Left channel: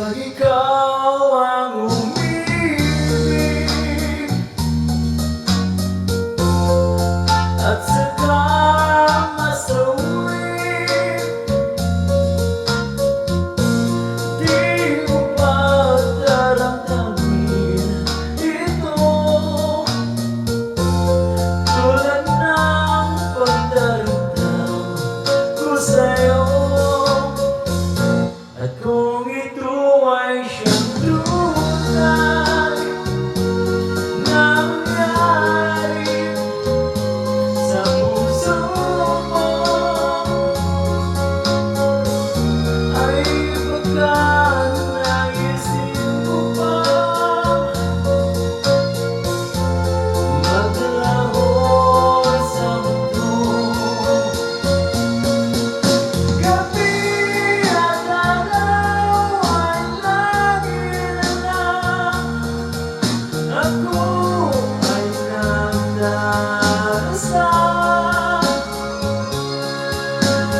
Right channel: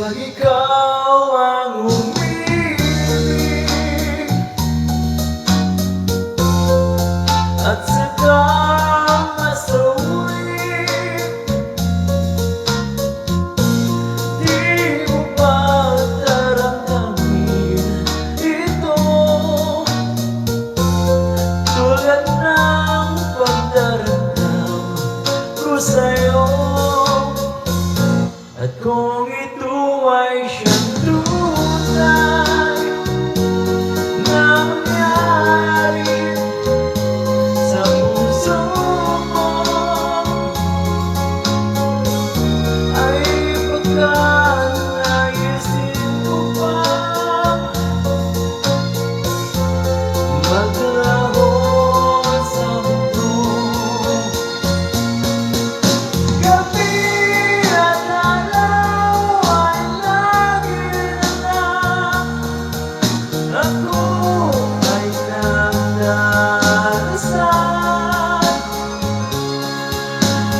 Pag ikaw ang umibig at saka masawi, di mo ba daramdamin ito? Tulad ng pagdaramdam ko sa'yo. At kung ito ay siyang tunay nangyari sa puso mo, ay baka naisin mo pa maglaho sa mundo. Gabi at araw ay lagi lang ako ay nagdarasal,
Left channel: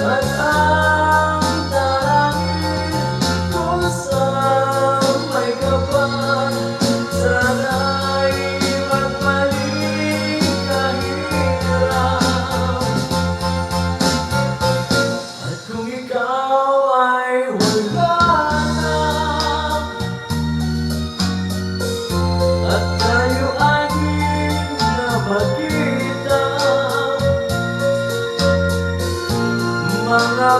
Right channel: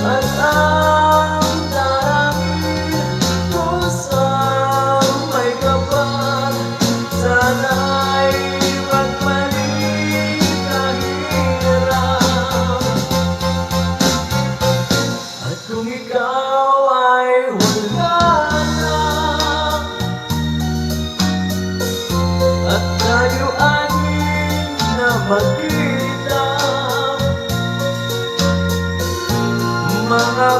at ang dalangin ko sa may kapal, sana ay magpaling kahirap. At kung ikaw ay wala na, at tayo anin na magkita, mga